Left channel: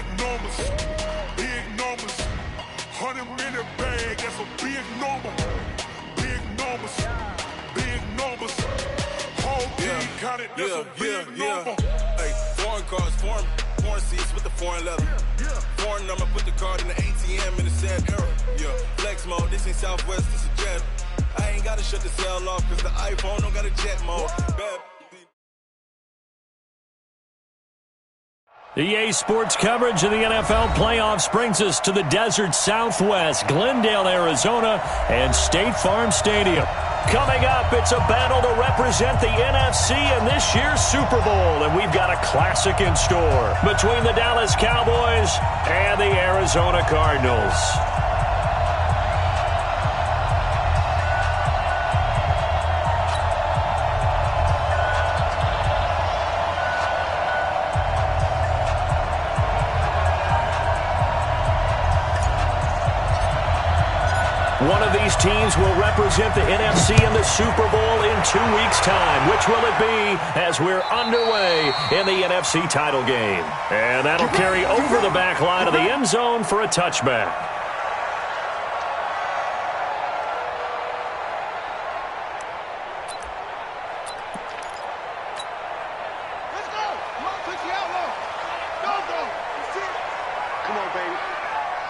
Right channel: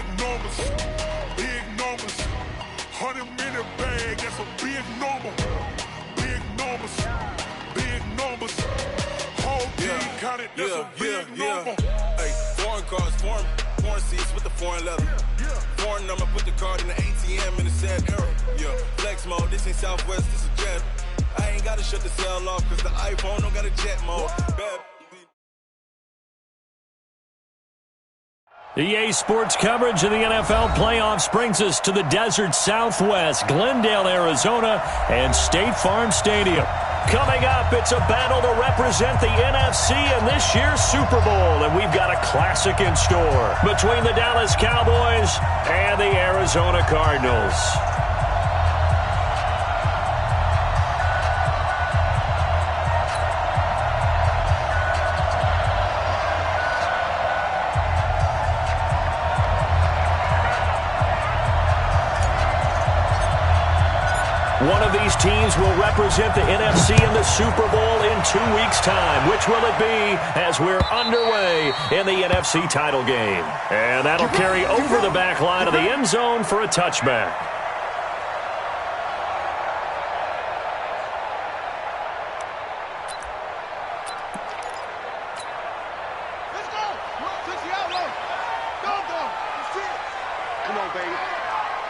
big numbers. Big numbers. 100-minute bag, that's a big number. Big numbers. Big numbers. Whole team counted, that's a big number. Hey, foreign cars, foreign seats with the foreign leather. Foreign number, put the card in the ATM in a sad era. Yeah, flex mode, this ain't Southwest, this a jet. I ain't gotta shut the cell off, cause the iPhone don't got a jet mode. Bad. EA Sports coverage of the NFL playoffs brings us to the desert Southwest, Glendale, Arizona, and State Farm Stadium. Coming up, it's a battle to represent the NFC in this year's Super Bowl, and we've got a classic in store between the Dallas Cowboys and the Arizona Cardinals. One of these teams will represent the NFC in the Super Bowl in 2 weeks' time. Which will it be as we're underway in the NFC title game? And that'll carry over the back line of the end zone for a touchback. Let's go. Fix the outlaw. Go. That's it. Come on, baby.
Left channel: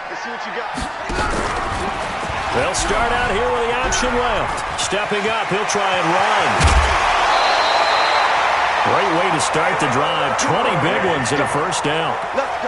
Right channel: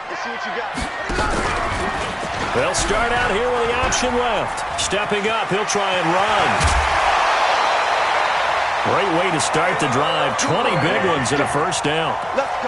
Let's see what you got. They'll start out here with the option left. Stepping up, he'll try and run. Great way to start the drive. 20 big ones and a first down.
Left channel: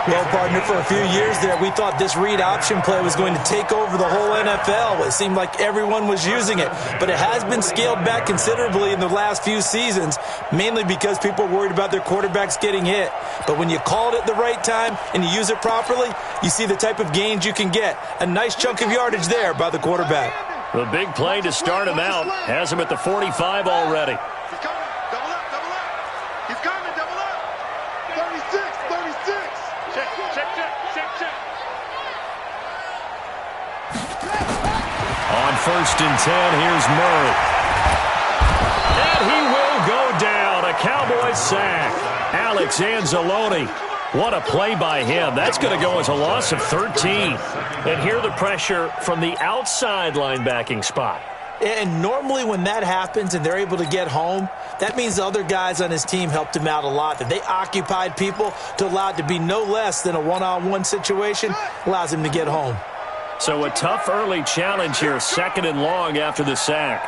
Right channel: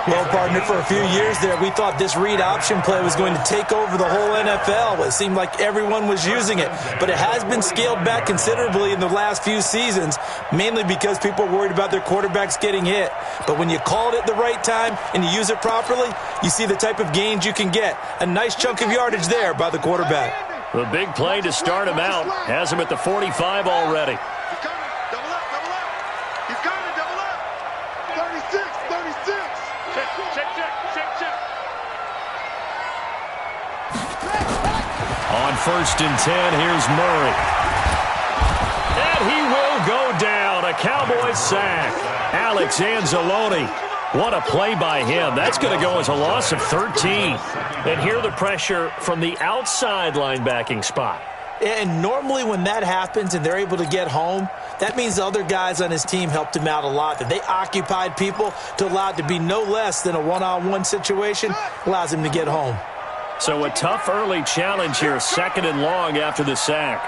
Well, partner, for a few years there, we thought this read option play was going to take over the whole NFL. It seemed like everyone was using it. But it has been scaled back considerably in the last few seasons, mainly because people are worried about their quarterbacks getting hit. But when you call it at the right time and you use it properly, you see the type of gains you can get. A nice chunk of yardage there by the quarterback. The big play to start him out has him at the 45 already. He's coming. Double up. He's coming. Double up. 36. Check. On 1st and 10, here's Murray. And he will go down. A Cowboys sack. Alex Anzalone. What a play by him. That's going to go as a loss of 13. And here the pressure from the outside linebacking spot. And normally when that happens and they're able to get home, that means the other guys on his team helped him out a lot. That they occupied people to allow it to be no less than a one-on-one situation, allows him to get home. So a tough early challenge here, 2nd and long after the sack.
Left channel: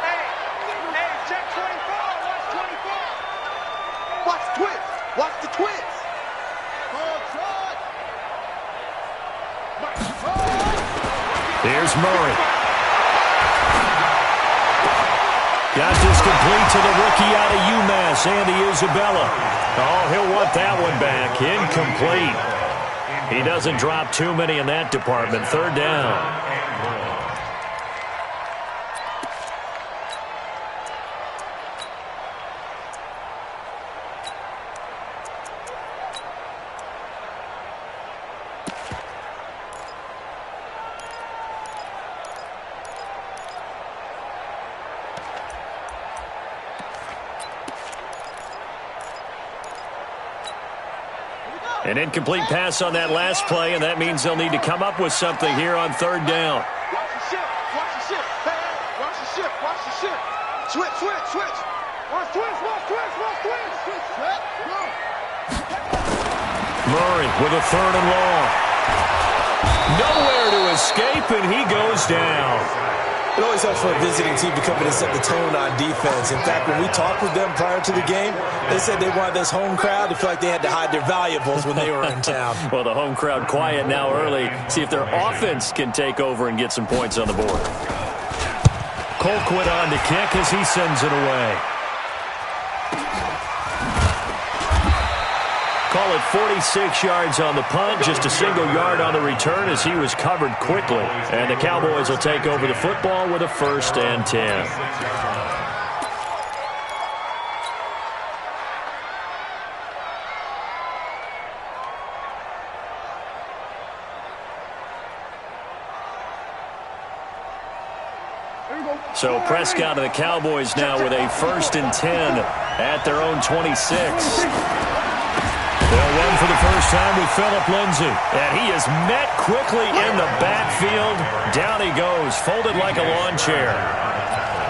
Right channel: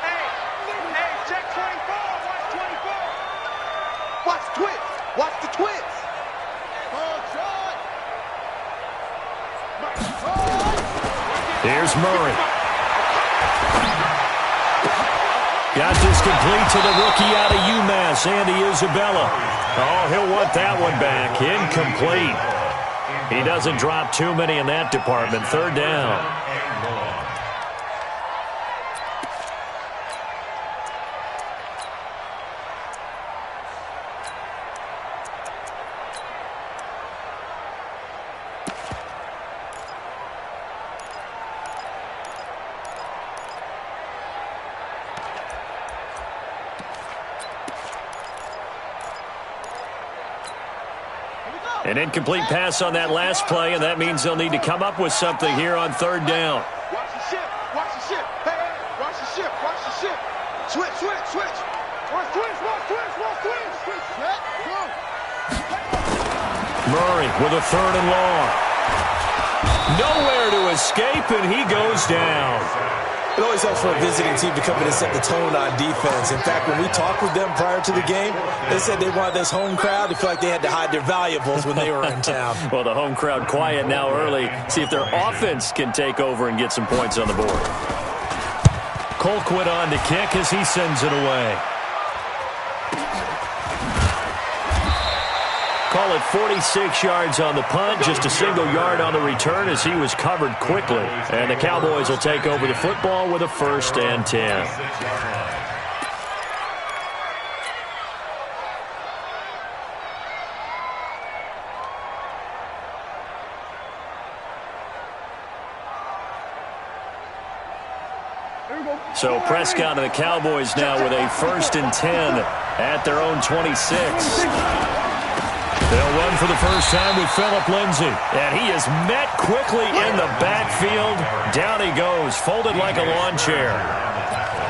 Hey, check 24. Watch 24. Watch the twist. Here's Murray. Got this complete to the rookie out of UMass, Andy Isabella. Oh, he'll want that one back. Incomplete. He doesn't drop too many in that department. 3rd down. An incomplete pass on that last play, and that means they'll need to come up with something here on 3rd down. Watch the shift. Hey, watch the shift. Switch. Watch twist. Set, go. Murray with a 3rd and long. Nowhere to escape, and he goes down. It always helps for a visiting team to come in and set the tone on defense. In fact, when we talked with them prior to the game, they said they wanted this home crowd to feel like they had to hide their valuables when they were in town. Well, the home crowd quiet now early. See if their offense can take over and get some points on the board. Colquitt on to kick as he sends it away. Call it 46 yards on the punt, just a single yard on the return as he was covered quickly. And the Cowboys will take over the football with a 1st and 10. So Prescott and the Cowboys now with a 1st and 10 at their own 26. They'll run for the first time with Phillip Lindsay. And he is met quickly in the backfield. Down he goes, folded like a lawn chair.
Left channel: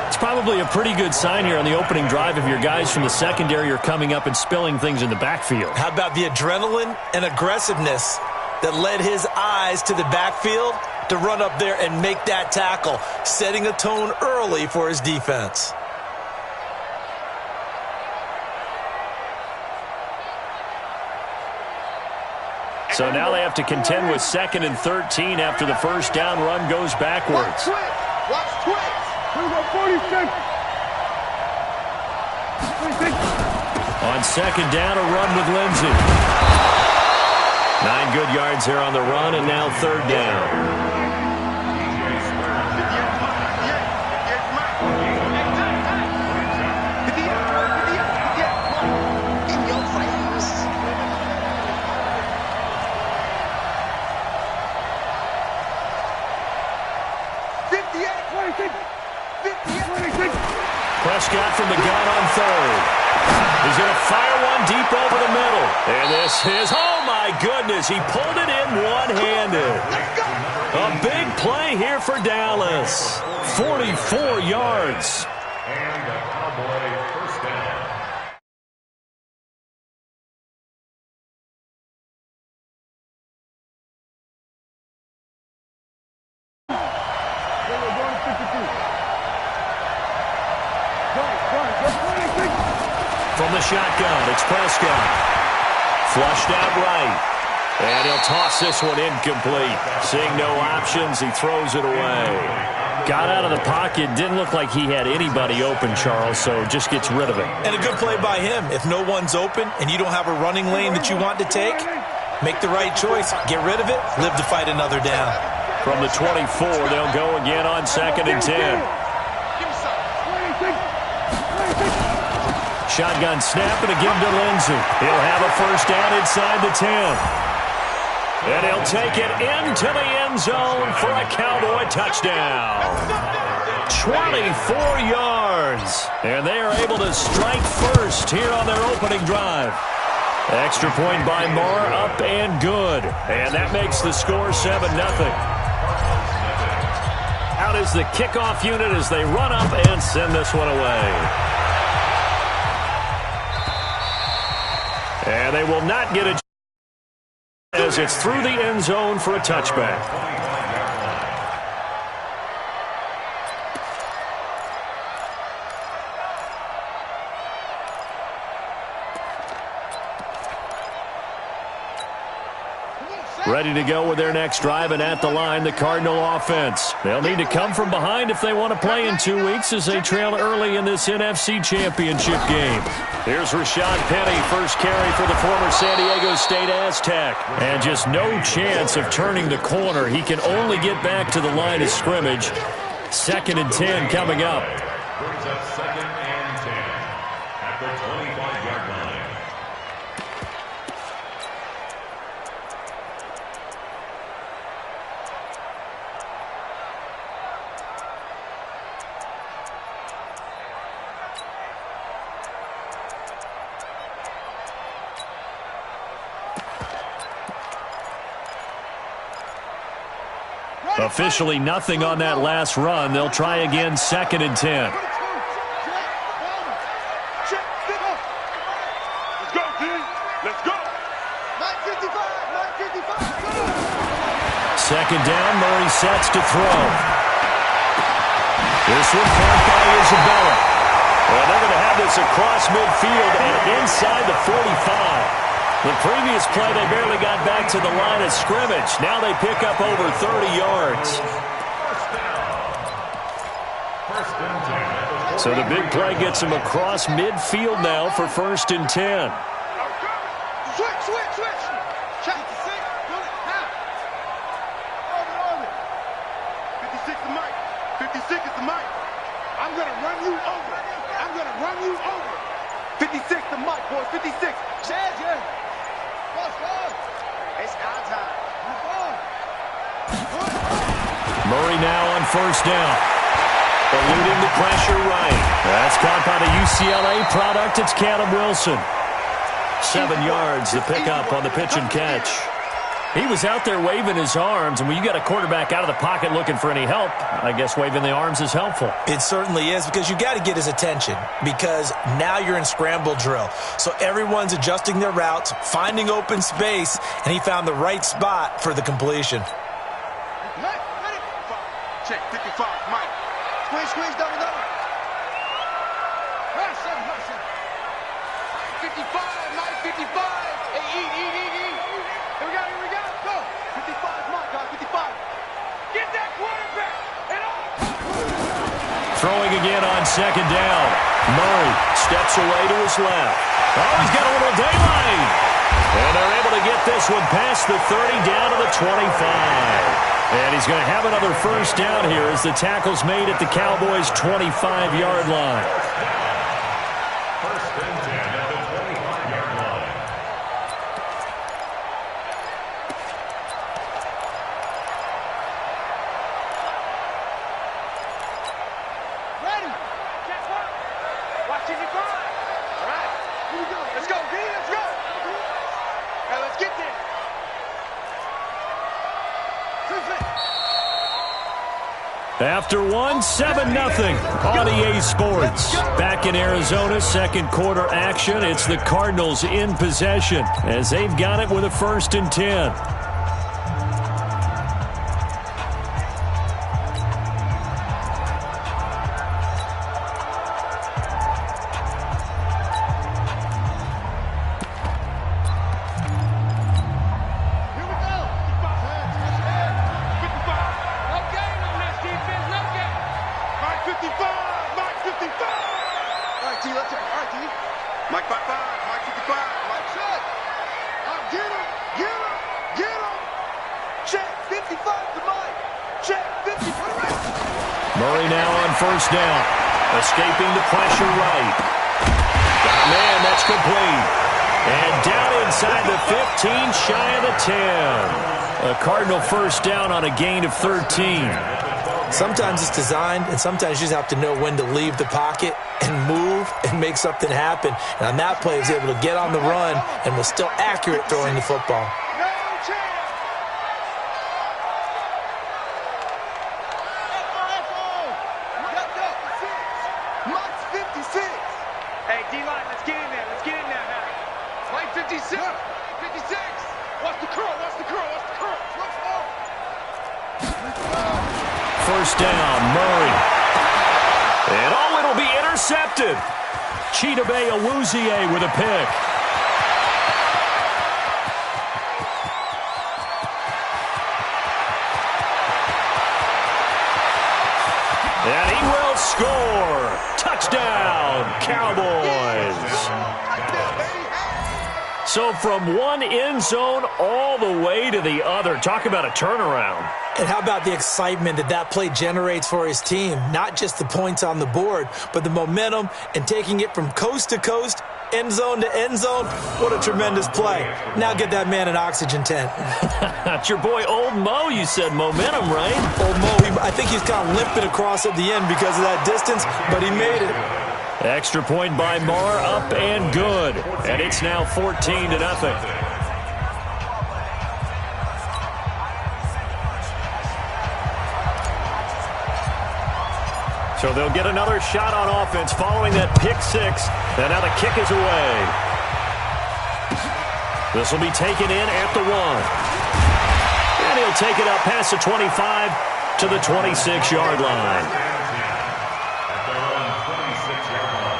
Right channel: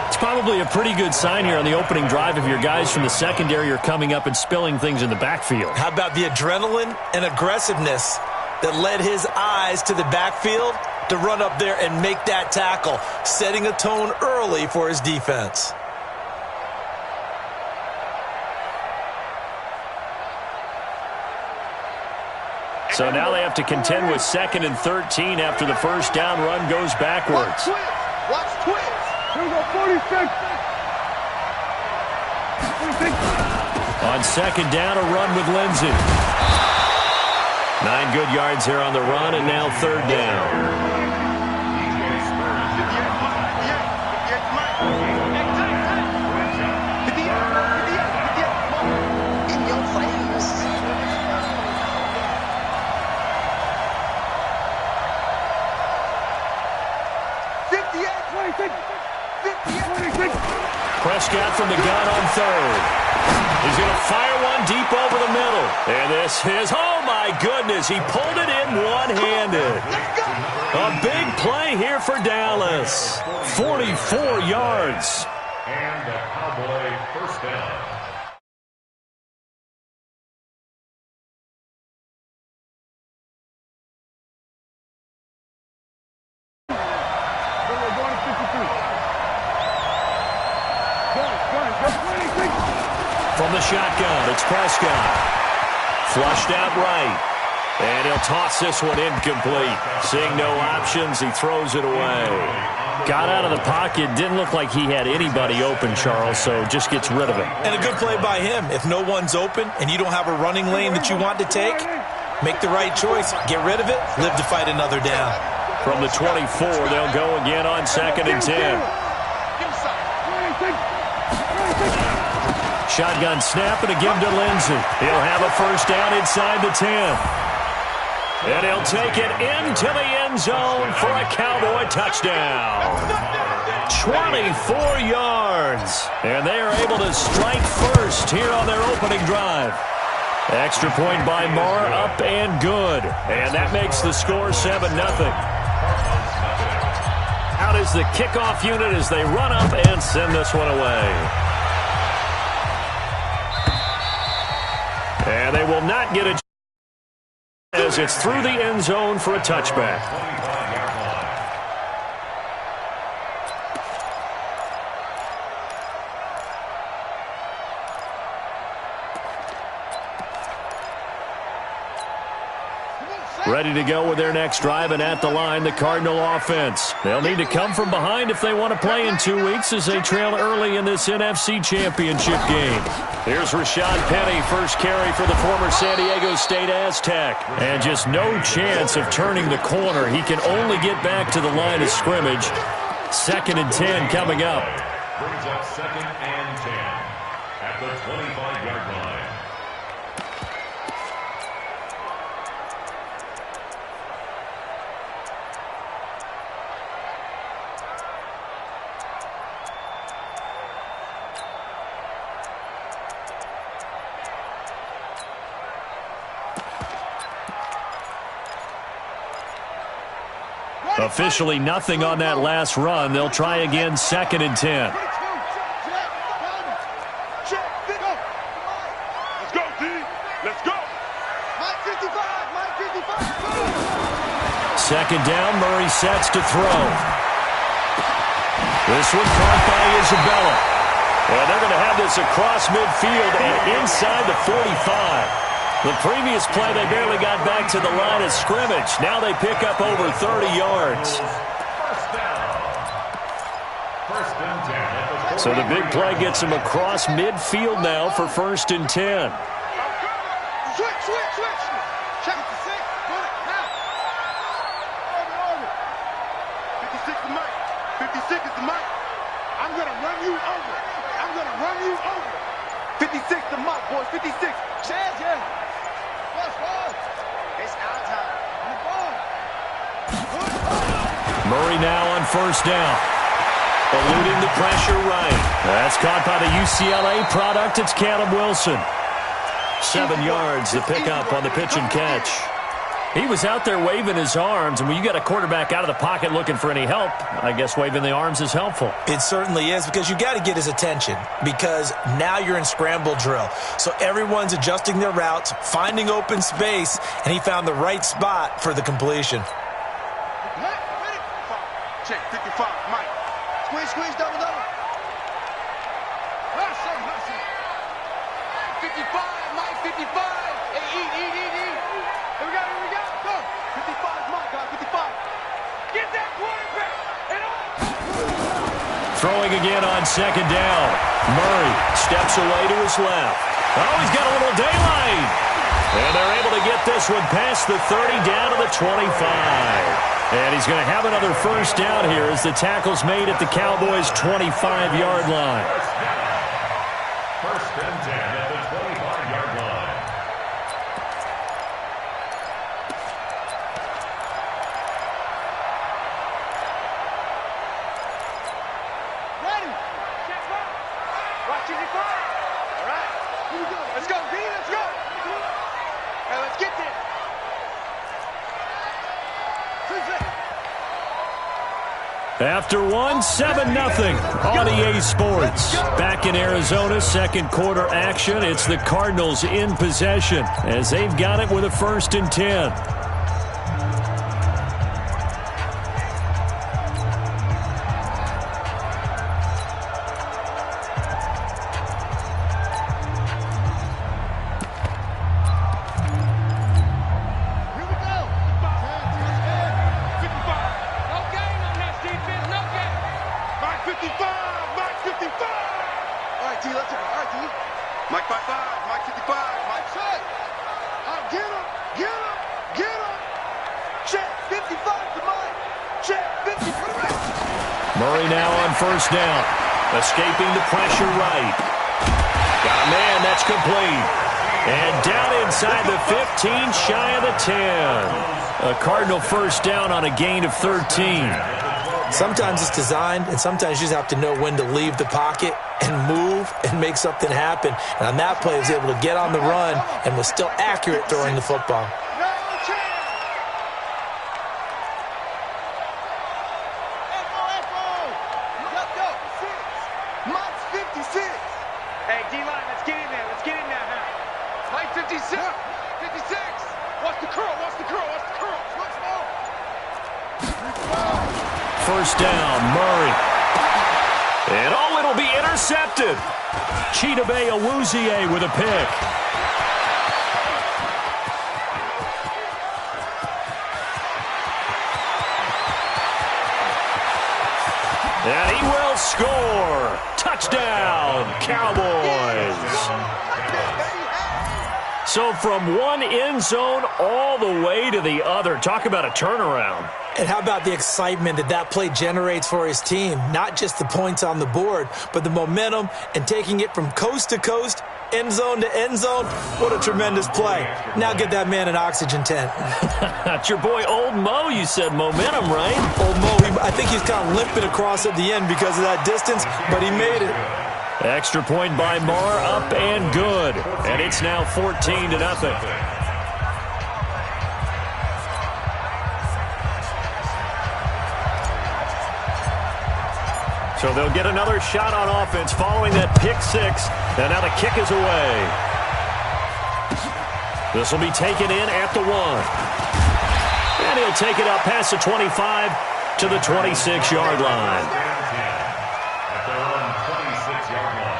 It's probably a pretty good sign here on the opening drive if your guys from the secondary are coming up and spilling things in the backfield. How about the adrenaline and aggressiveness that led his eyes to the backfield to run up there and make that tackle, setting a tone early for his defense. So now they have to contend with 2nd and 13 after the first down run goes backwards. Watch twins. Here we go, 46. On 2nd down, a run with Lindsay. 9 good yards there on the run, and now 3rd down. Prescott from the gun on 3rd. He's going to fire one deep over the middle. And this is, oh my goodness, he pulled it in one-handed. A big play here for Dallas. 44 yards. And a Cowboy first down. We're going to 52. From the shotgun, it's Prescott. Flushed out right. And he'll toss this one incomplete. Seeing no options, he throws it away. Got out of the pocket. Didn't look like he had anybody open, Charles, so just gets rid of it. And a good play by him. If no one's open and you don't have a running lane that you want to take, make the right choice. Get rid of it. Live to fight another down. From the 24, they'll go again on 2nd and 10. Shotgun snap and a give to Lindsay. He'll have a first down inside the 10. And he'll take it into the end zone for a Cowboy touchdown. 24 yards. And they are able to strike first here on their opening drive. Extra point by Marr, up and good. And that makes the score 7-0. Out is the kickoff unit as they run up and send this one away. And they will not get a as it's through the end zone for a touchback. Ready to go with their next drive, and at the line, the Cardinal offense. They'll need to come from behind if they want to play in 2 weeks as they trail early in this NFC Championship game. Here's Rashad Penny, first carry for the former San Diego State Aztec. And just no chance of turning the corner. He can only get back to the line of scrimmage. 2nd and 10 coming up. Brings up 2nd and 10 at the 25-yard line. Officially nothing on that last run. They'll try again 2nd and 10. Let's go, D. Let's go. 55, 55. 2nd down, Murray sets to throw. This one caught by Isabella. Well, they're going to have this across midfield and inside the 45. The previous play, they barely got back to the line of scrimmage. Now they pick up over 30 yards. First and 10. So the big play gets them across midfield now for 1st and 10. Switch. Check the 6. Put it. Now. Orbit. 56 is Mike. 56 is the Mike. I'm going to run you over. 56 to Mike, boys. 56. Chaz, yeah. It's our time. Murray now on 1st down. Eluding the pressure right. That's caught by the UCLA product. It's Caleb Wilson. 7 yards, the pickup on the pitch and catch. He was out there waving his arms, and when you got a quarterback out of the pocket looking for any help, I guess waving the arms is helpful. It certainly is, because you got to get his attention, because now you're in scramble drill. So everyone's adjusting their routes, finding open space, and he found the right spot for the completion. Check, 55, Mike. Squeeze, double. Hot seven. Mike 55, Mike 55. Hey, eat. Here we go. Go. 55 is Mike, guys, 55. Get that quarterback. And on. Throwing again on second down. Murray steps away to his left. Oh, he's got a little daylight. And they're able to get this one past the 30 down to the 25. And he's going to have another first down here as the tackle's made at the Cowboys' 25-yard line. First and 10 at the 25-yard line. Ready. Check one. Watch it, all right. Here we go. Let's go, D. Let's go. Hey, let's get there. After one, 7-0 on EA Sports. Back in Arizona, second quarter action. It's the Cardinals in possession as they've got it with a 1st and 10. Mike 55, Mike 55, Mike shot. Oh, get him. Check, 55 to Mike. Check, 50 for the rest. Murray now on 1st down. Escaping the pressure right. Got a man, that's complete. And down inside the 15, shy of the 10. A Cardinal 1st down on a gain of 13. Sometimes it's designed, and sometimes you just have to know when to leave the pocket and move and make something happen. And on that play, he was able to get on the run and was still accurate throwing the football. No chance. Echo. Go. 6. Mike's 56. Hey, D-line, let's get in there. Huh? Mike 56. 56. Watch the curl. Let's go. 1st down, Murray. And it'll be intercepted. Chidobe Awuzie with a pick. And he will score. Touchdown, Cowboys. So from one end zone all the way to the other. Talk about a turnaround. And how about the excitement that play generates for his team? Not just the points on the board, but the momentum and taking it from coast to coast, end zone to end zone. What a tremendous play. Now get that man an oxygen tent. It's your boy Old Mo, you said momentum, right? Old Mo, I think he's kind of limping across at the end because of that distance, but he made it. Extra point by Marr, up and good. And it's now 14-0. So they'll get another shot on offense following that pick 6. And now the kick is away. This will be taken in at the 1. And he'll take it up past the 25 to the 26-yard line. At their own 26-yard line.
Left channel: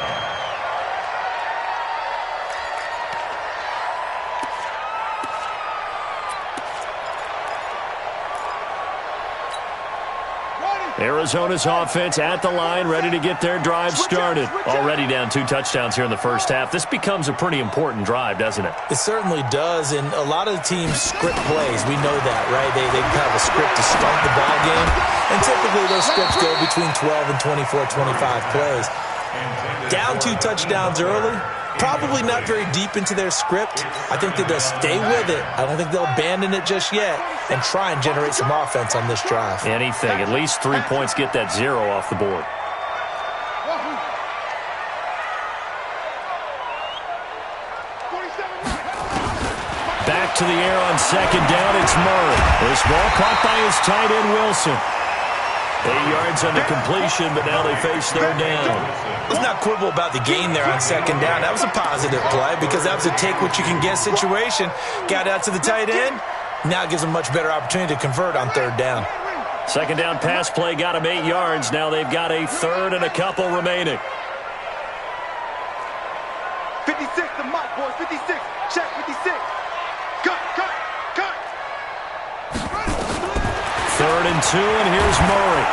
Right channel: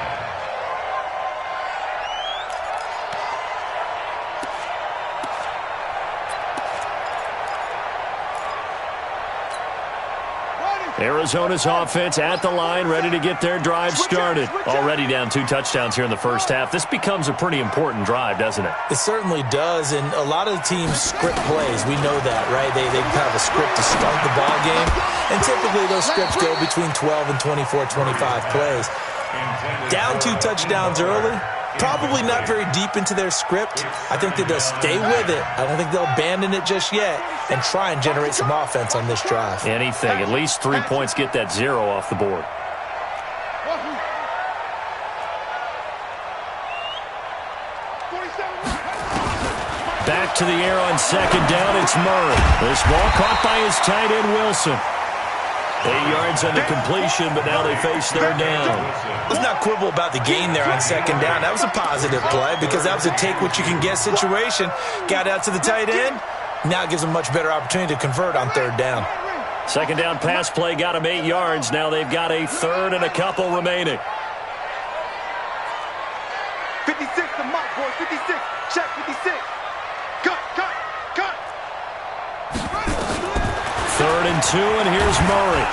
Arizona's offense at the line, ready to get their drive started. Already down 2 touchdowns here in the first half. This becomes a pretty important drive, doesn't it? It certainly does, and a lot of the teams script plays. We know that, right? They have a script to start the ball game, and typically those scripts go between 12 and 24, 25 plays. Down 2 touchdowns early, probably not very deep into their script. I think that they'll stay with it. I don't think they'll abandon it just yet and try and generate some offense on this drive. Anything. At least 3 points, get that 0 off the board. 47 Back to the air on second down. It's Murray. This ball caught by his tight end, Wilson. 8 yards on the completion, but now they face third down. Let's not quibble about the gain there on second down. That was a positive play because that was a take-what-you-can-get situation. Got out to the tight end. Now it gives them a much better opportunity to convert on third down. Second down pass play got him 8 yards. Now they've got a third and a couple remaining. 56 to Mike, boys. 56. Check 56. Cut. 3rd and 2, and here's Murray.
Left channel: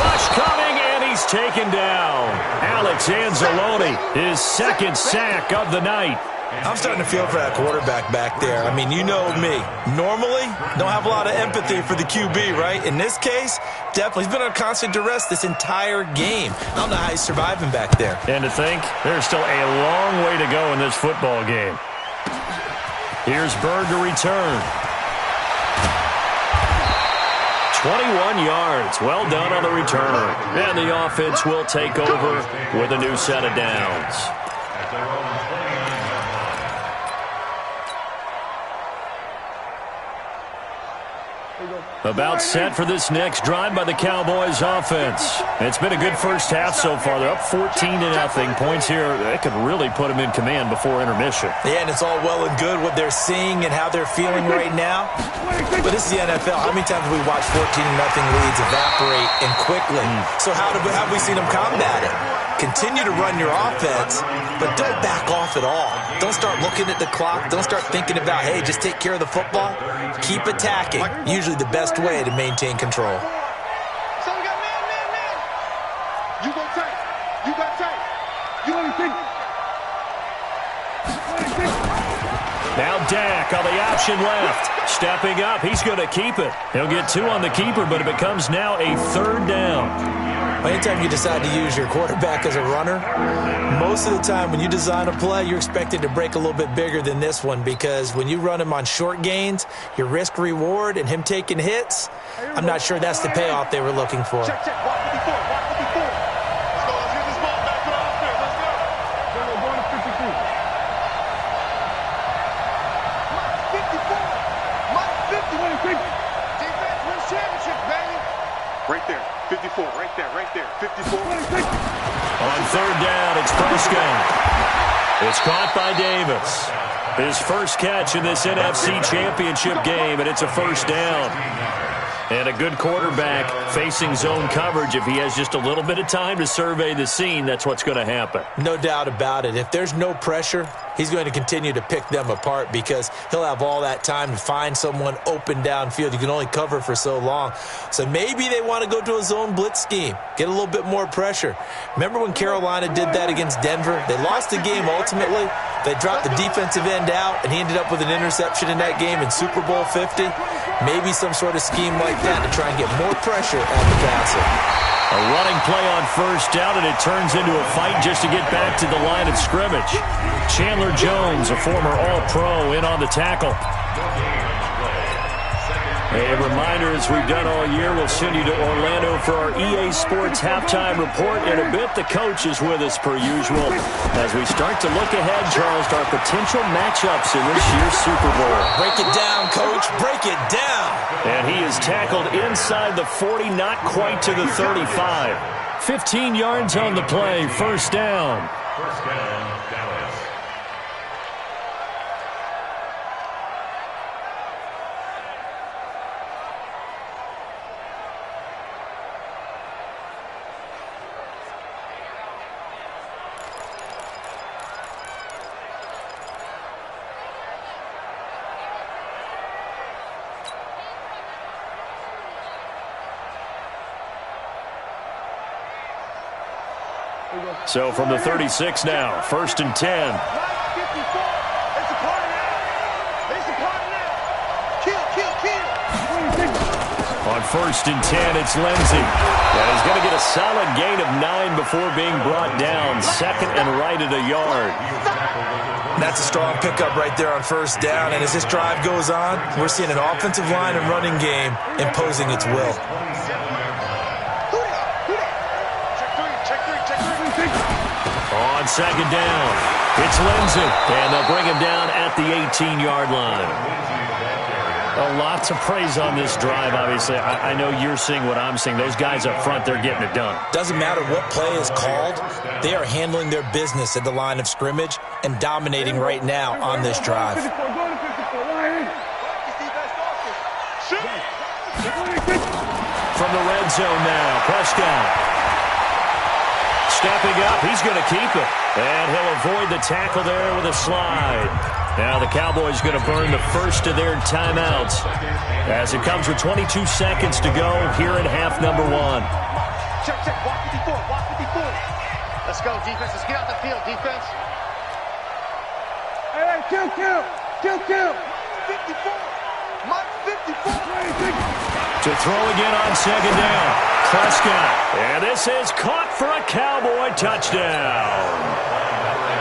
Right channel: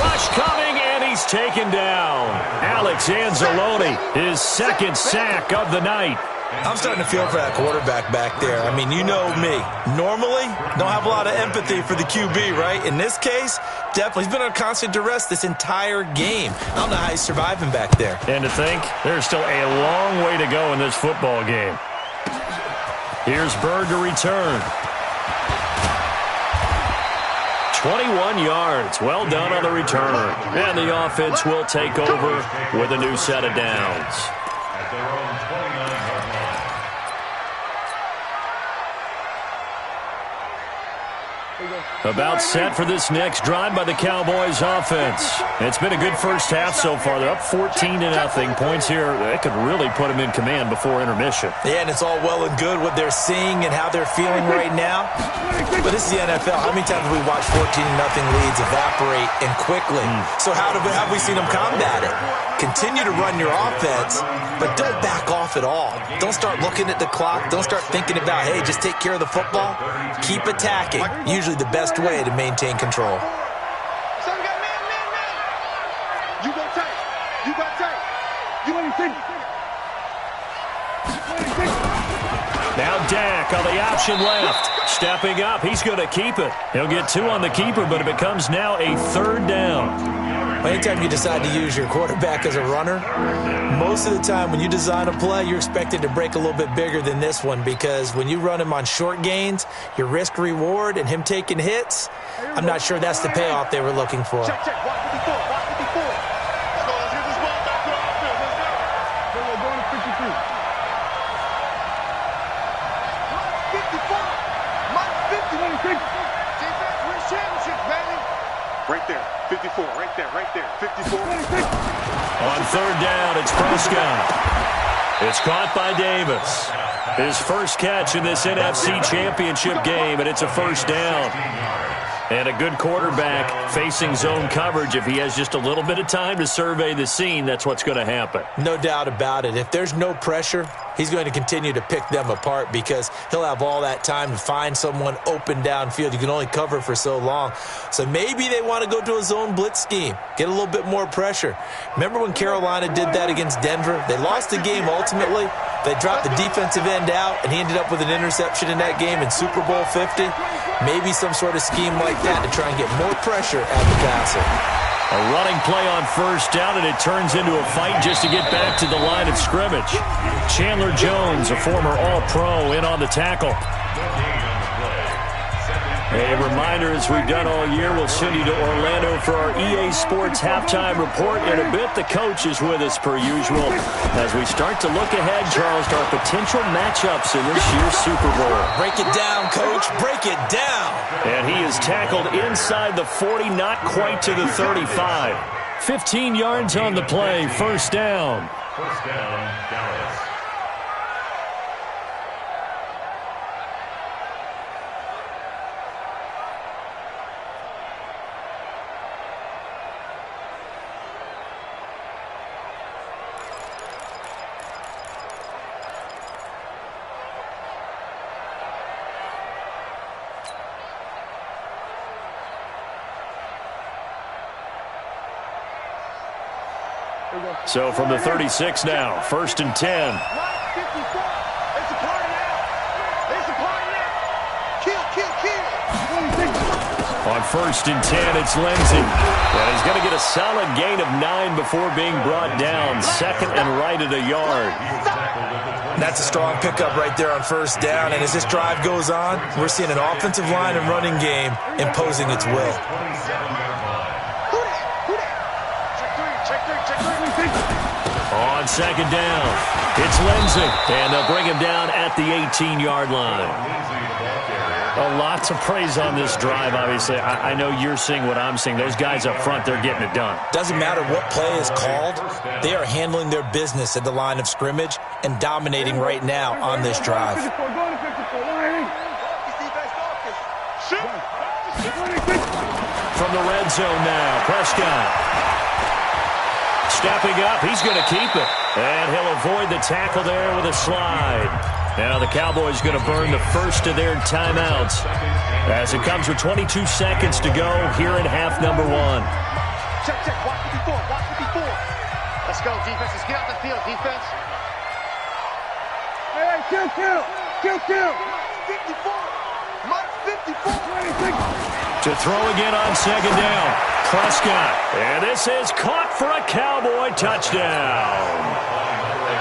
Rush coming, and he's taken down. Alex Anzalone, his second sack of the night. I'm starting to feel for that quarterback back there. I mean, you know me. Normally, don't have a lot of empathy for the QB, right? In this case, definitely. He's been on constant duress this entire game. I don't know how he's surviving back there. And to think, there's still a long way to go in this football game. Here's Bird to return. 21 yards. Well done on the return. And the offense will take over with a new set of downs. At their own 29-yard line. About set for this next drive by the Cowboys offense. It's been a good first half so far. They're up 14-0. Points here, that could really put them in command before intermission. Yeah, and it's all well and good what they're seeing and how they're feeling right now. But this is the NFL. How many times have we watched 14-0 leads evaporate and quickly? So how have we seen them combat it? Continue to run your offense, but don't back off at all. Don't start looking at the clock. Don't start thinking about, hey, just take care of the football. Keep attacking. Usually the best way to maintain control. So we got man. You go tight. You got tight. You anything. Now Dak on the option left. Stepping up. He's going to keep it. He'll get 2 on the keeper, but it becomes now a third down. Anytime you decide to use your quarterback as a runner, most of the time when you design a play, you're expected to break a little bit bigger than this one because when you run him on short gains, your risk-reward and him taking hits, I'm not sure that's the payoff they were looking for. Check. Watch 54. Watch 54. Let's go. Let's get this ball back to the offense. Let's go. Go to 53. Mike 50. What do you think? Defense wins championships, baby. Right there. 54. Right there. 54. On third down, it's Prescott. It's caught by Davis. His first catch in this NFC Championship game, and it's a first down. And a good quarterback facing zone coverage. If he has just a little bit of time to survey the scene, that's what's going to happen. No doubt about it. If there's no pressure, he's going to continue to pick them apart because he'll have all that time to find someone open downfield. You can only cover for so long. So maybe they want to go to a zone blitz scheme, get a little bit more pressure. Remember when Carolina did that against Denver? They lost the game ultimately. They dropped the defensive end out, and he ended up with an interception in that game in Super Bowl 50. Maybe some sort of scheme like that to try and get more pressure at the passer. A running play on first down, and it turns into a fight just to get back to the line of scrimmage. Chandler Jones, a former All-Pro, in on the tackle. A reminder, as we've done all year, we'll send you to Orlando for our EA Sports halftime report. In a bit, the coach is with us per usual. As we start to look ahead, Charles, to our potential matchups in this year's Super Bowl. Break it down, Coach. Break it down. And he is tackled inside the 40, not quite to the 35. 15 yards on the play, first down. First down, Dallas. So from the 36 now, first and 10. 54. It's a party now. It's a party now. Kill. On first and 10, it's Lindsey. And he's going to get a solid gain of 9 before being brought down. Second and right at a yard. That's a strong pickup right there on first down. And as this drive goes on, we're seeing an offensive line and running game imposing its will. Check three. On second down, It's Lindsey, and they'll bring him down at the 18-yard line. A lot to praise on this drive, obviously. I know you're seeing what I'm seeing. Those guys up front, they're getting it done. Doesn't matter what play is called. They are handling their business at the line of scrimmage and dominating right now on this drive. From the red zone now, Prescott. Stepping up, he's going to keep it. And he'll avoid the tackle there with a slide. Now the Cowboys going to burn the first of their timeouts as it comes with 22 seconds to go here in half number 1. Check, check. Watch 54. Watch 54. Let's go, defense. Let's get out the field, defense. Hey, kill. 54. Mike 54. To throw again on second down. Prescott. And this is caught for a Cowboy touchdown.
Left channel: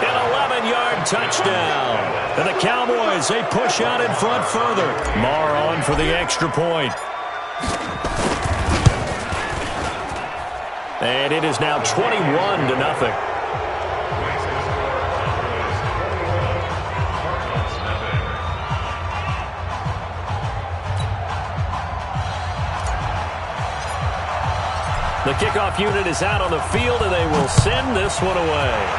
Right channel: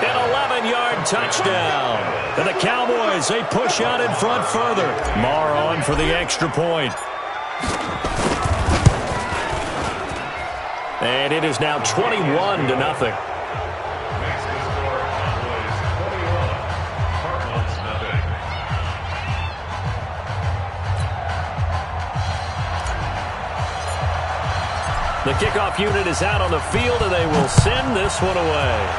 An 11-yard touchdown. And the Cowboys, they push out in front further. Marr on for the extra point. And it is now 21-0. The kickoff unit is out on the field, and they will send this one away.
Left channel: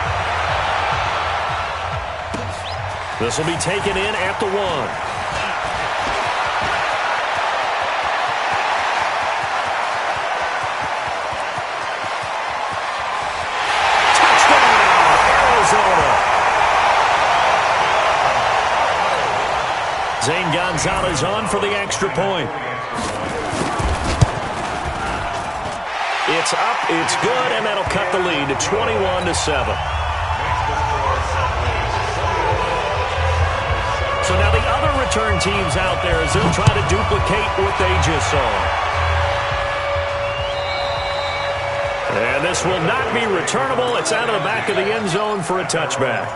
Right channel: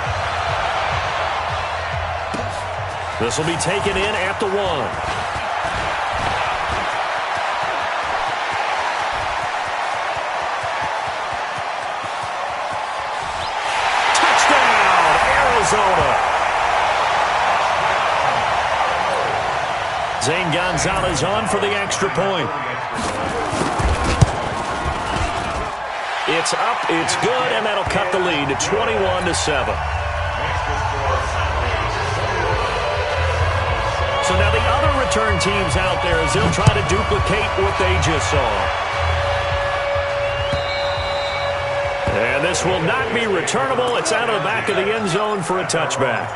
This will be taken in at the 1. Touchdown, Arizona. Zane Gonzalez on for the extra point. It's up, it's good, and that'll cut the lead to 21-7. So now the other return teams out there as they'll try to duplicate what they just saw. And this will not be returnable. It's out of the back of the end zone for a touchback.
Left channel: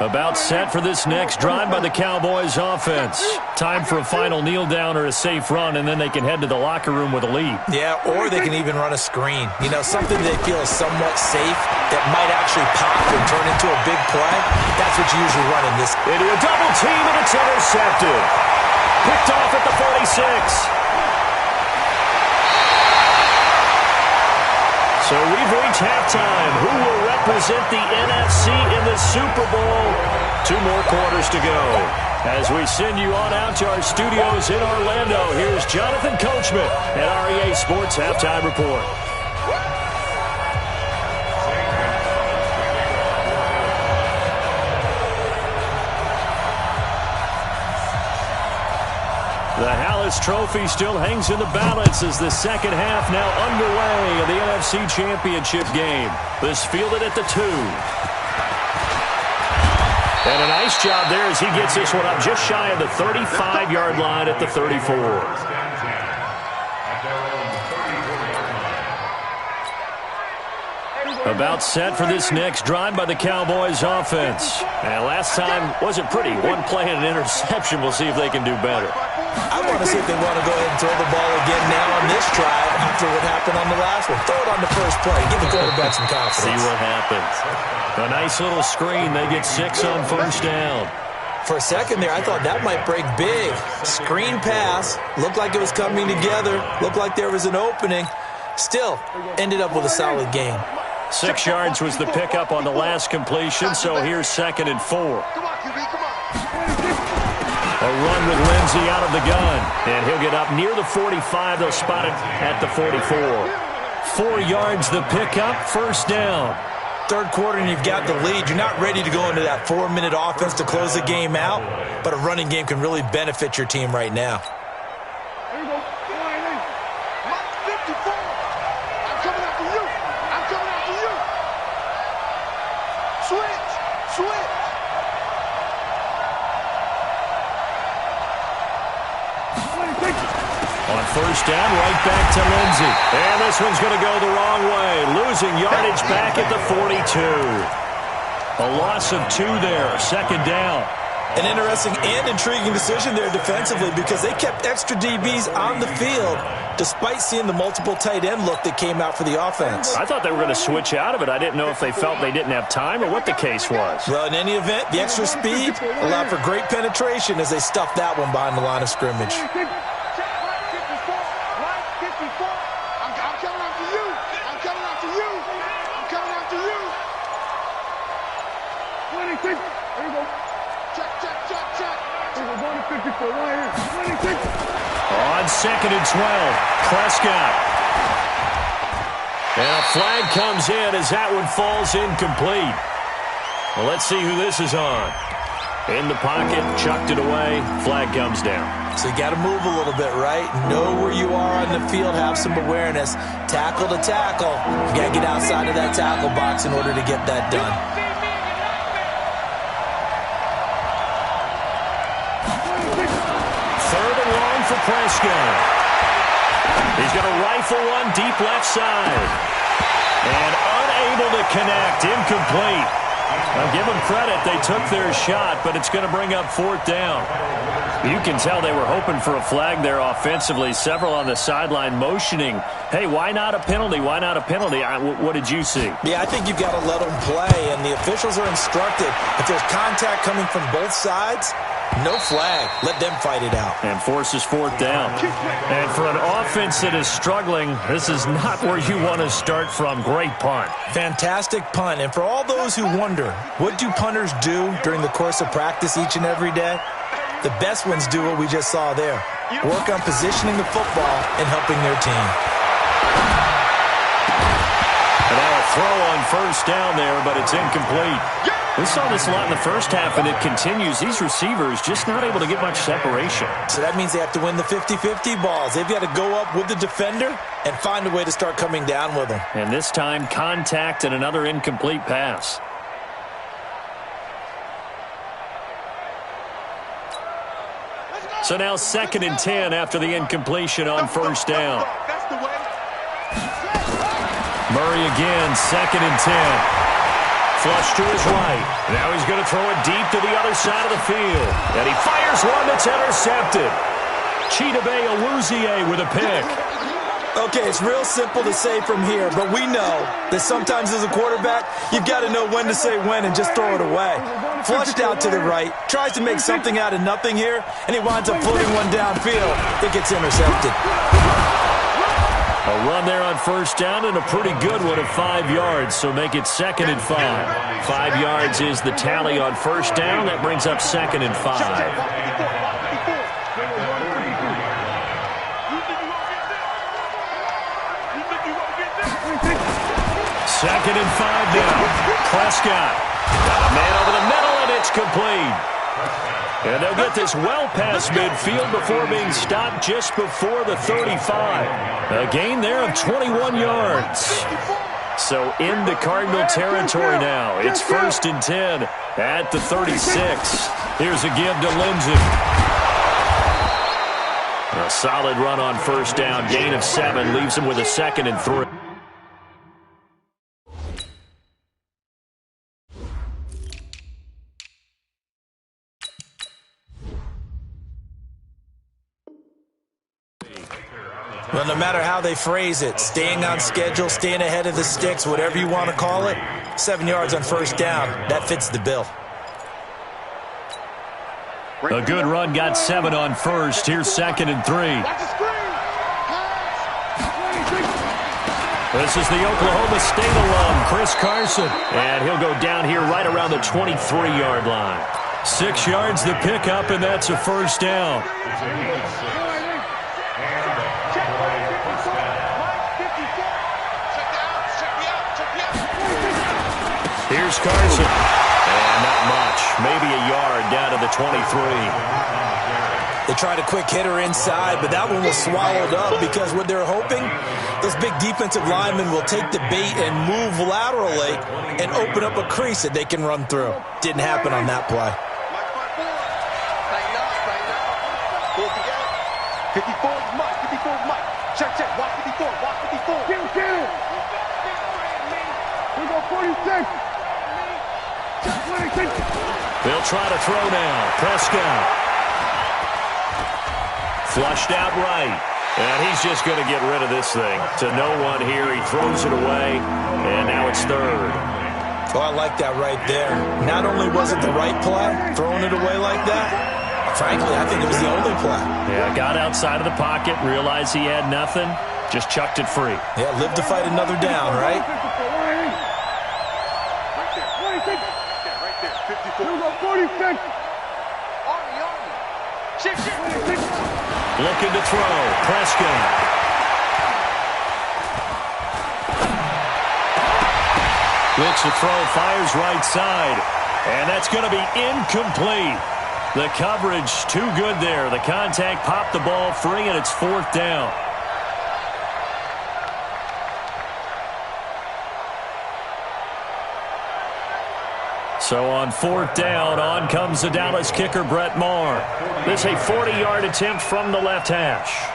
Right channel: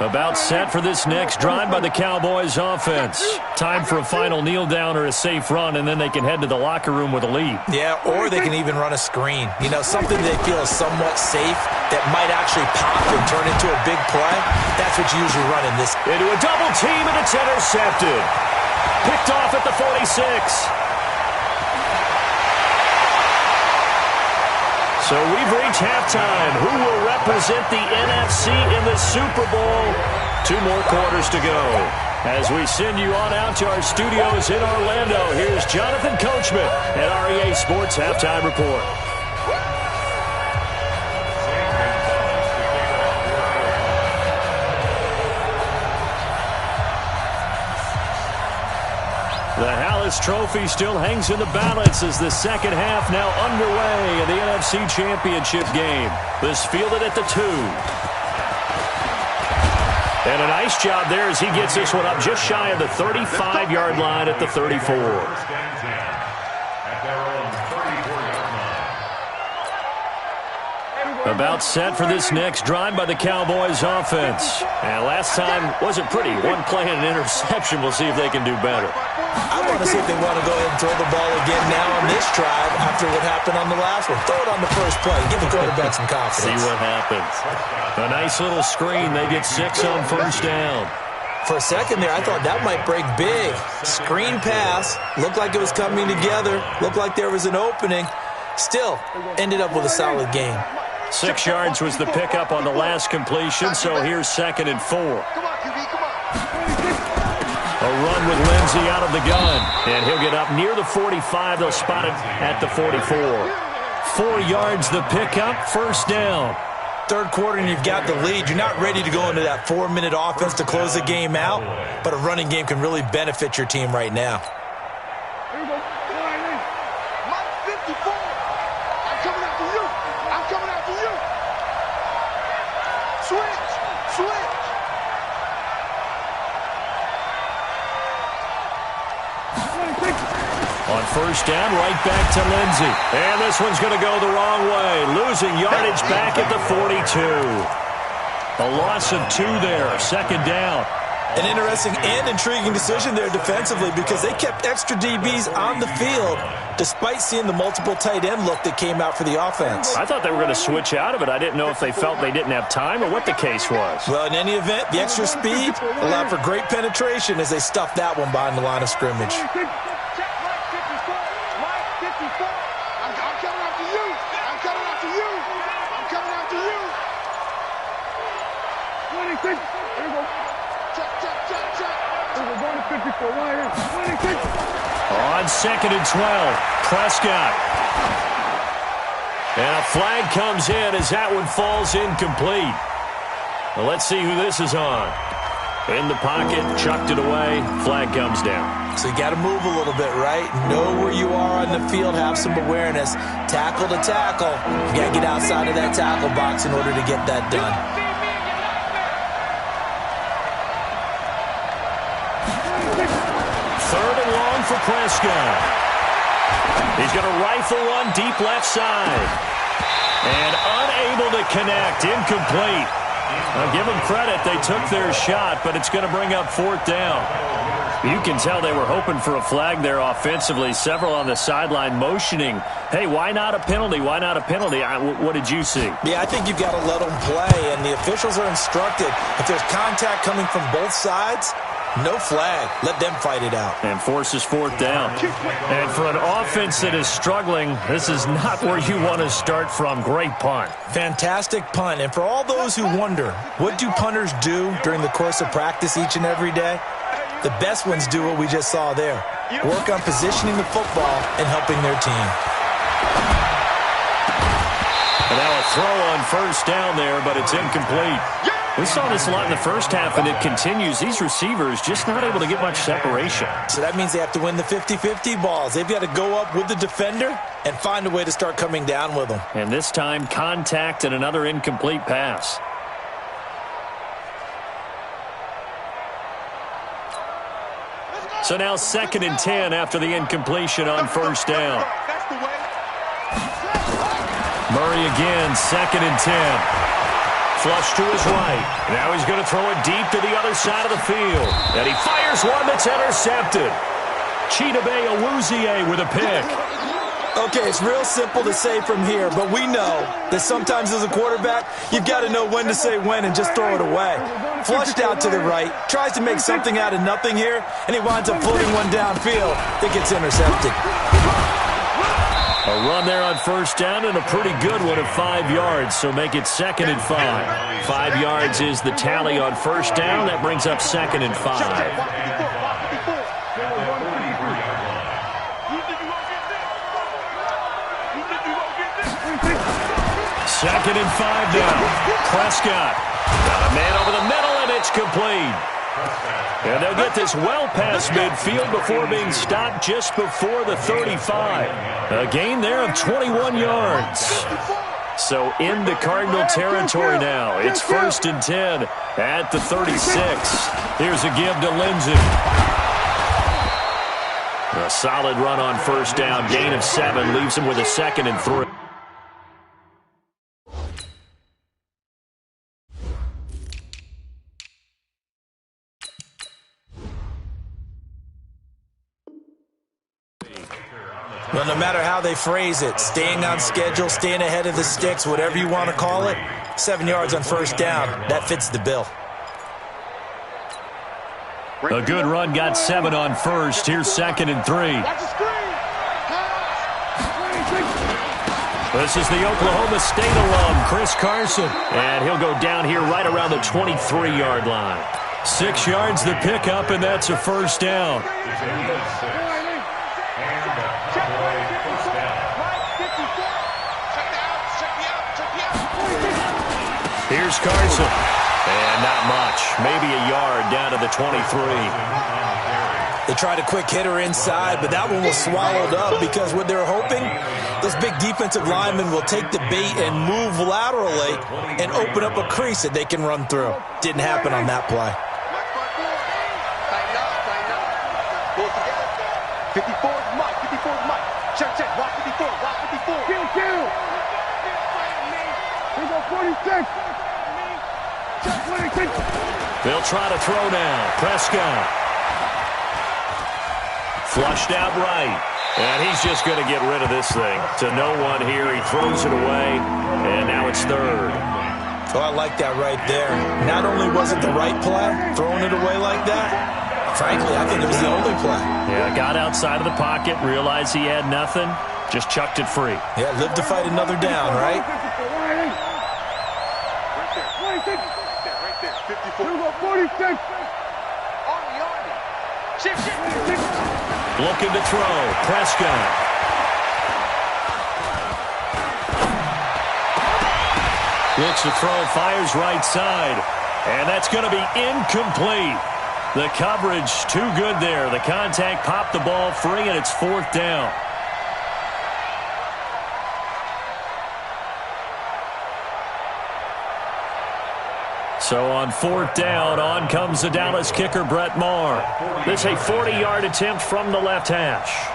About set for this next drive by the Cowboys offense. Time for a final kneel down or a safe run, and then they can head to the locker room with a lead. Yeah, or they can even run a screen. You know, something they feel is somewhat safe that might actually pop and turn into a big play. That's what you usually run in this. Into a double team, and it's intercepted. Picked off at the 46. So we've reached halftime. Who will represent the NFC in the Super Bowl? 2 more quarters to go. As we send you on out to our studios in Orlando, here's Jonathan Coachman at REA Sports Halftime Report. The Hallis Trophy still hangs in the balance as the second half now underway in the NFC Championship game. This fielded at the 2. And a nice job there as he gets this one up just shy of the 35-yard line at the 34. About set for this next drive by the Cowboys offense. And last time wasn't pretty. One play and an interception. We'll see if they can do better. I want to see if they want to go ahead and throw the ball again now on this drive after what happened on the last one. Throw it on the first play. Give the quarterback some confidence. See what happens. A nice little screen. They get 6 on first down. For a second there, I thought that might break big. Screen pass. Looked like it was coming together. Looked like there was an opening. Still, ended up with a solid game. 6 yards was the pickup on the last completion, so here's 2nd and 4. Come on, QB, come on. A run with Lindsey out of the gun, and he'll get up near the 45. They'll spot it at the 44. 4 yards the pickup, first down. Third quarter and you've got the lead. You're not ready to go into that 4-minute offense to close the game out, but a running game can really benefit your team right now. Here we go. Mike 54. I'm coming after you. I'm coming after you. On first down, right back to Lindsey. And this one's going to go the wrong way. Losing yardage back at the 42. A loss of 2 there. Second down. An interesting and intriguing decision there defensively because they kept extra DBs on the field despite seeing the multiple tight end look that came out for the offense. I thought they were going to switch out of it. I didn't know if they felt they didn't have time or what the case was. Well, in any event, the extra speed allowed for great penetration as they stuffed that one behind the line of scrimmage. I'm coming after you. I'm coming after you. I'm coming after you. 26. There we go. Check. We're going to 54. Right here. 26. On second and 12, Prescott. And a flag comes in as that one falls incomplete. Well, let's see who this is on. In the pocket, chucked it away, flag comes down. So you got to move a little bit, right? Know where you are on the field, have some awareness. Tackle to tackle. You got to get outside of that tackle box in order to get that done. Third and long for Prescott. He's going to rifle one deep left side. And unable to connect, incomplete. Now, give them credit. They took their shot, but it's going to bring up fourth down. You can tell they were hoping for a flag there offensively. Several on the sideline motioning, hey, why not a penalty? Why not a penalty? What did you see? Yeah, I think you've got to let them play, and the officials are instructed. If there's contact coming from both sides, no flag. Let them fight it out. And forces fourth down. And for an offense that is struggling, this is not where you want to start from. Great punt. Fantastic punt. And for all those who wonder, what do punters do during the course of practice each and every day? The best ones do what we just saw there. Work on positioning the football and helping their team. And now a throw on first down there, but it's incomplete. We saw this a lot in the first half, and it continues. These receivers just not able to get much separation. So that means they have to win the 50-50 balls. They've got to go up with the defender and find a way to start coming down with them. And this time, contact and another incomplete pass. So now 2nd and 10 after the incompletion on first down. Murray again, 2nd and 10. Flush to his right. Now he's going to throw it deep to the other side of the field. And he fires one that's intercepted. Chidobe Awuzie with a pick. Okay, it's real simple to say from here, but we know that sometimes as a quarterback, you've got to know when to say when and just throw it away. Flushed out to the right, tries to make something out of nothing here, and he winds up floating one downfield that gets intercepted. A run there on first down and a pretty good one of 5 yards, so make it 2nd and 5. 5 yards is the tally on first down. That brings up 2nd and 5. Second and 5 now. Prescott got a man over the middle, and it's complete. And they'll get this well past midfield before being stopped just before the 35. A gain there of 21 yards. So into Cardinal territory now. It's 1st and 10 at the 36. Here's a give to Lindsey. A solid run on first down. Gain of 7 leaves him with a 2nd and 3. Well, no matter how they phrase it, staying on schedule, staying ahead of the sticks, whatever you want to call it, 7 yards on first down, that fits the bill. A good run got 7 on first. Here's 2nd and 3. This is the Oklahoma State alum, Chris Carson. And he'll go down here right around the 23-yard line. 6 yards the pickup, and that's a first down. Here's Carson. And not much. Maybe a yard down to the 23. They tried a quick hitter inside, but that one was swallowed up because what they're hoping, those big defensive linemen will take the bait and move laterally and open up a crease that they can run through. Didn't happen on that play. 54 is Mike. 54 is Mike. Check, check. Watch 54. Watch 54. Kill, kill. Here go 46. Check 26. They'll try to throw now. Prescott. Flushed out right. And he's just going to get rid of this thing. To no one here. He throws it away. And now it's third. Oh, I like that right there. Not only was it the right play, throwing it away like that, frankly, I think it was the only play. Yeah, got outside of the pocket, realized he had nothing, just chucked it free. Yeah, live to fight another down, right? Right there. Right there. 54. Here we go, 46. Army. Shift. Looking to throw. Prescott. Looks to throw, fires right side. And that's going to be incomplete. The coverage too good there. The contact popped the ball free, and it's fourth down. So on fourth down, on comes the Dallas kicker, Brett Maher. This is a 40-yard attempt from the left hash.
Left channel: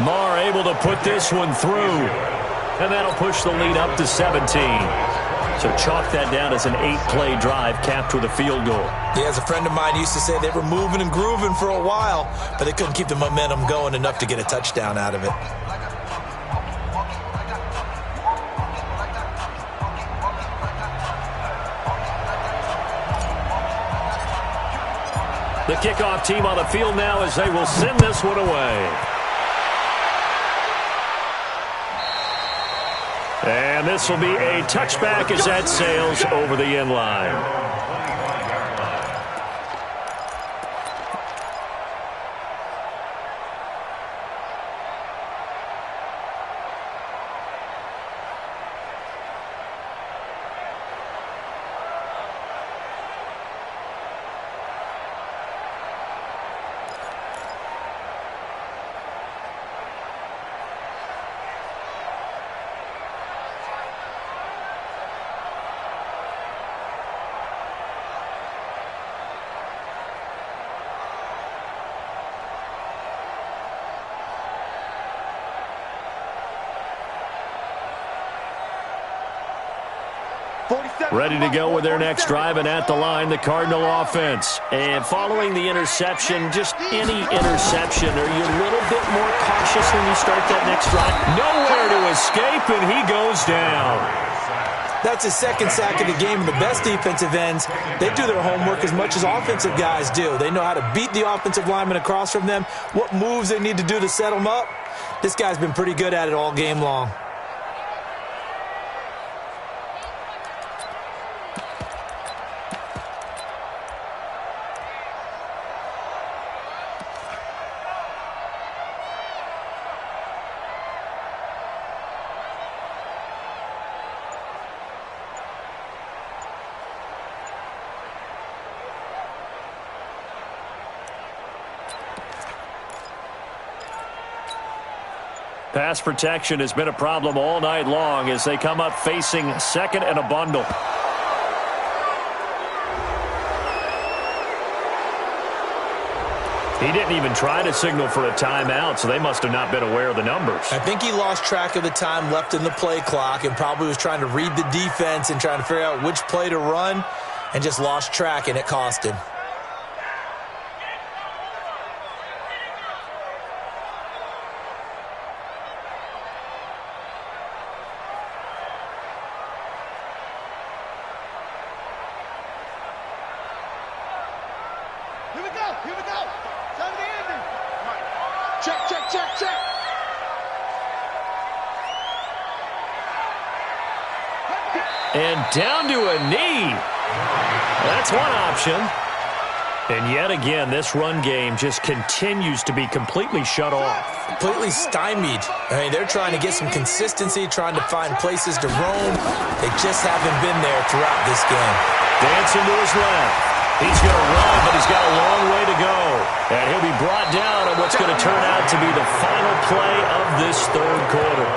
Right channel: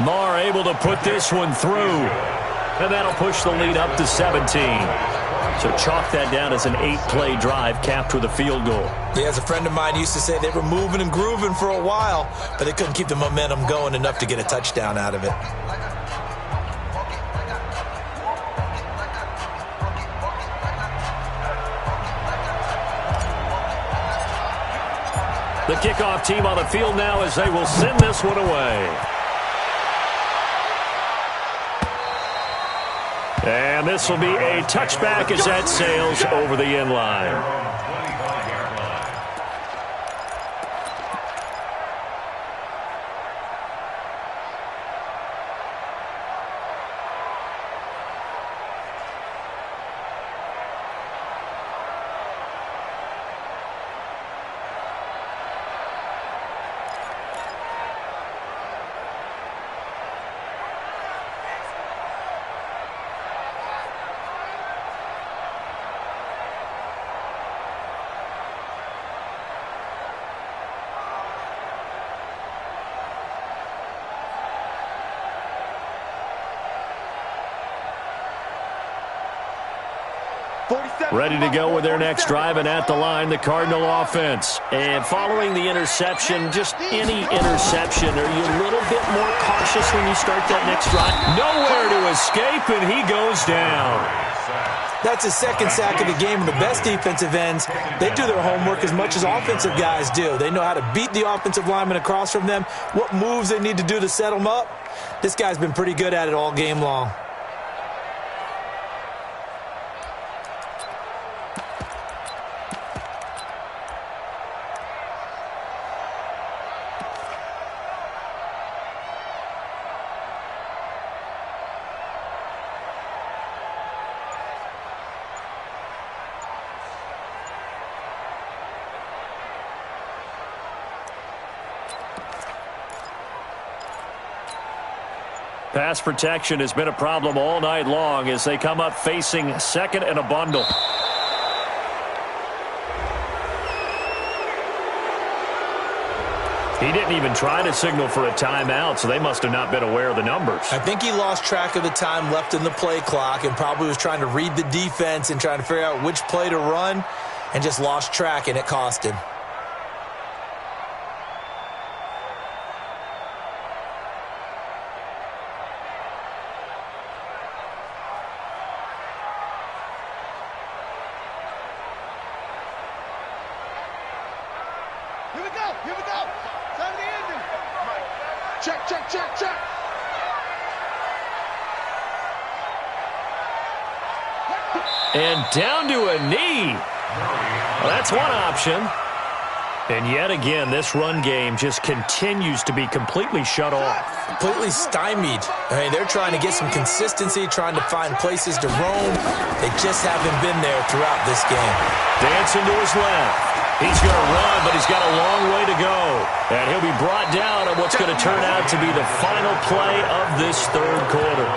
Maher able to put this one through. And that'll push the lead up to 17. So chalk that down as an 8-play drive capped with a field goal. Yeah, as a friend of mine used to say, they were moving and grooving for a while, but they couldn't keep the momentum going enough to get a touchdown out of it. The kickoff team on the field now as they will send this one away. And this will be a touchback as that sails over the end line. Ready to go with their next drive, and at the line, the Cardinal offense. And following the interception, just any interception, are you a little bit more cautious when you start that next drive? Nowhere to escape, and he goes down. That's his second sack of the game, and the best defensive ends, they do their homework as much as offensive guys do. They know how to beat the offensive lineman across from them, what moves they need to do to set them up. This guy's been pretty good at it all game long. Pass protection has been a problem all night long as they come up facing second and a bundle. He didn't even try to signal for a timeout, so they must have not been aware of the numbers. I think he lost track of the time left in the play clock and probably was trying to read the defense and trying to figure out which play to run and just lost track, and it cost him. Here we go. Time to the ending. Mike. Check. And down to a knee. Well, that's one option. And yet again, this run game just continues to be completely shut off. Completely stymied. I mean, they're trying to get some consistency, trying to find places to roam. They just haven't been there throughout this game. Dancing to his left. He's going to run, but he's got a long way to go. And he'll be brought down on what's going to turn out to be the final play of this third quarter.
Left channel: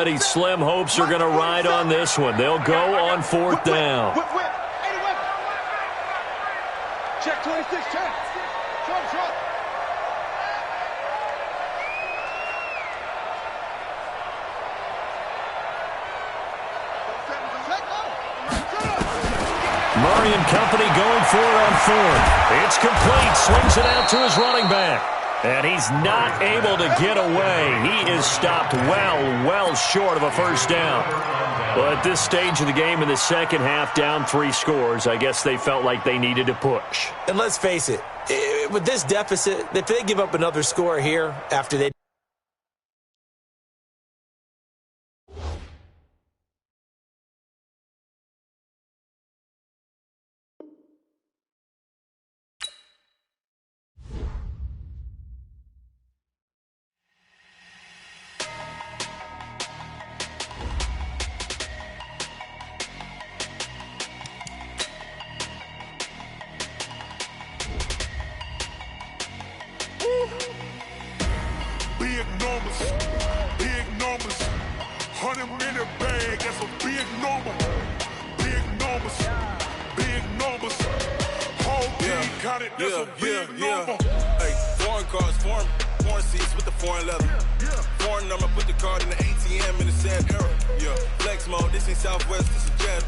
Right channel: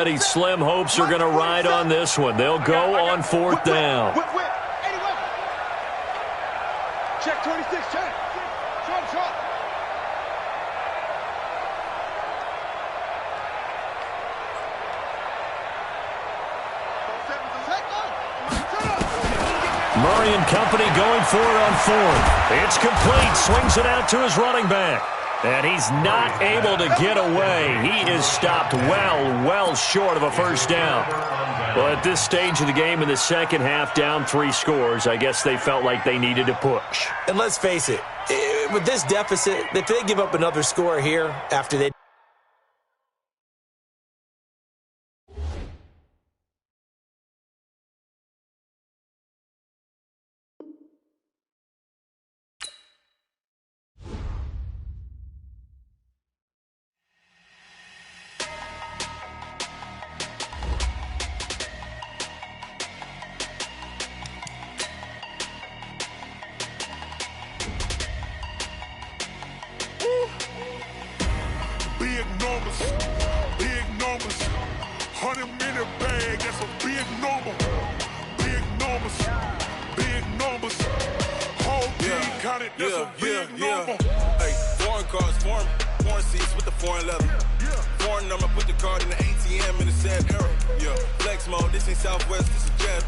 already slim hopes are going to ride on this one. They'll go on fourth down. Whip. 80 weapon. Check 26, check. Short. Murray and company going for it on fourth. It's complete. Swings it out to his running back. And he's not able to get away. He is stopped well short of a first down. Well, at this stage of the game in the second half, down 3 scores, I guess they felt like they needed to push. And let's face it, with this deficit, if they give up another score here after they... Big numbers. 100-minute bag, that's a big number. Big numbers. Whole team counted, that's a big number. Hey, foreign cars, foreign seats with the foreign leather. Foreign number, put the card in the ATM in the sad era. Yeah, flex mode, this ain't Southwest, this is jet.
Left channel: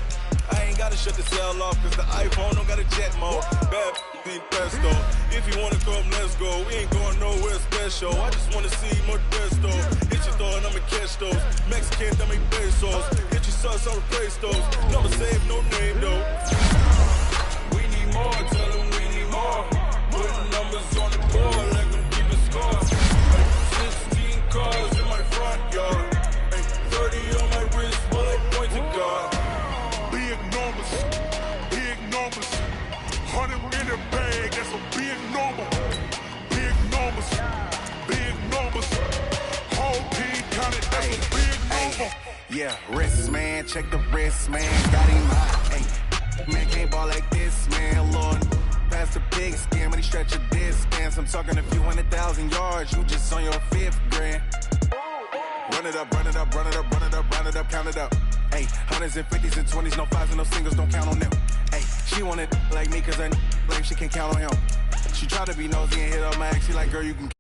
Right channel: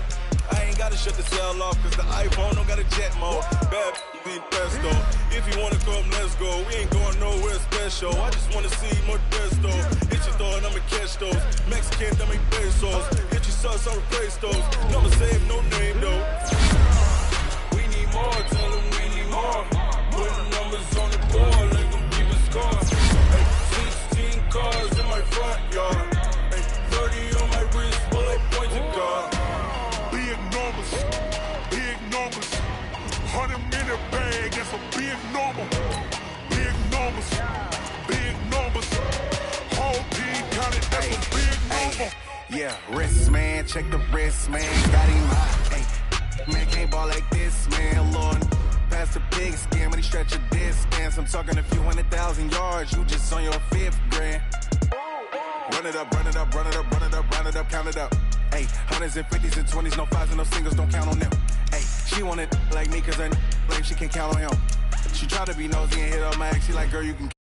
I ain't gotta shut the cell off, cause the iPhone don't got a jet mode. Bad need pesto. If you wanna come, let's go. We ain't going nowhere special. I just wanna see more desto. Hit your throw and I'ma catch those. Mexican, that make pesos. Hit your sauce, I'll replace those. Never save, no name though. We need more, tell them we need more. Putting numbers on the board, like them keep a score. Hey, 16 cars in my front yard. Hey, 30 on my wrist, bullet points of God. Big numbers. 100-minute bag, that's a big number. Big numbers. Whole team counted, that's a big number. Yeah, wrist, man, check the wrist, man. Got him hot, hey. Man, can't ball like this, man. Lord, past the big skin, when he stretch a distance. I'm talking a few 100,000 yards, you just on your 5th grand. Run it up, count it up. Hey, hundreds and 50s and 20s, no 5s and no singles, don't count on them. Hey, she want it like me, cause her blame, she can't count on him. She try to be nosy and hit up my ex, she like, girl, you can